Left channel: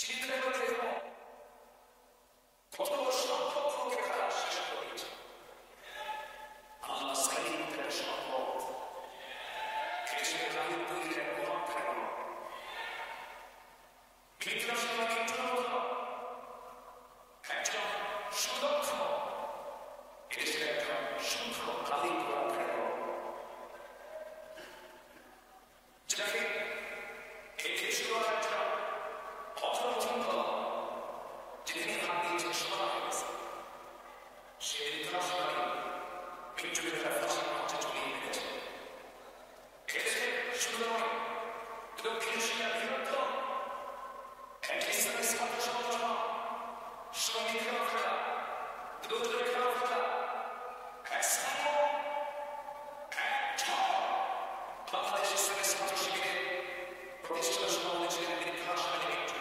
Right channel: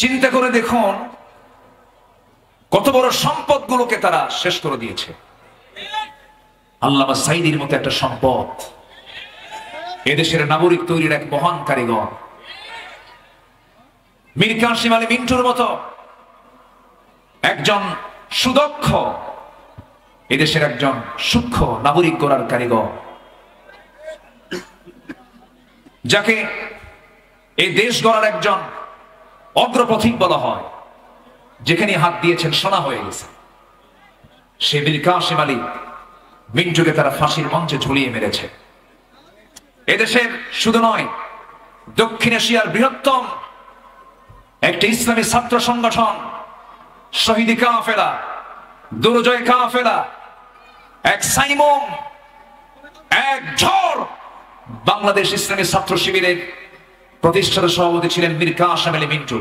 চিন্তা করে দেখুন কত বড় সম্পদগুলোকে তারা শেষ করে দিয়েছে। আল্লামা সাঈদীর মতো একটা সম্পদ, এদেশের নাগরিক তৈরির এক মহান কারিগর, মীর কাসেম আলী মিন্টুর মতো একজন সুদক্ষ এদেশের একজন সূক্ষ্ম নাগরিক গড়ার কারিগর, যাকে এই দেশ গড়ার একজন অগ্রপথিক বলা হয়, যেখানে হাত দিয়েছেন সোনা হয়ে গেছে। সে মীর কাসেম আলী মিন্টুকে তারা ফাঁসির মঞ্চে ঝুলিয়ে মেরেছে। এদেশের শুধু নয়, দক্ষিণ এশিয়ার বৃহত্তম একটি ইসলামী ছাত্র সংগঠন শহীদি কাফেলা, দুর্জয় কাফেলা, এক সাইমুম, এক ঝড় বাংলাদেশ ইসলামী ছাত্র শিবিরের প্রতিষ্ঠাতা সভাপতি ছিলেন মীর কাসেম আলী মিন্টু।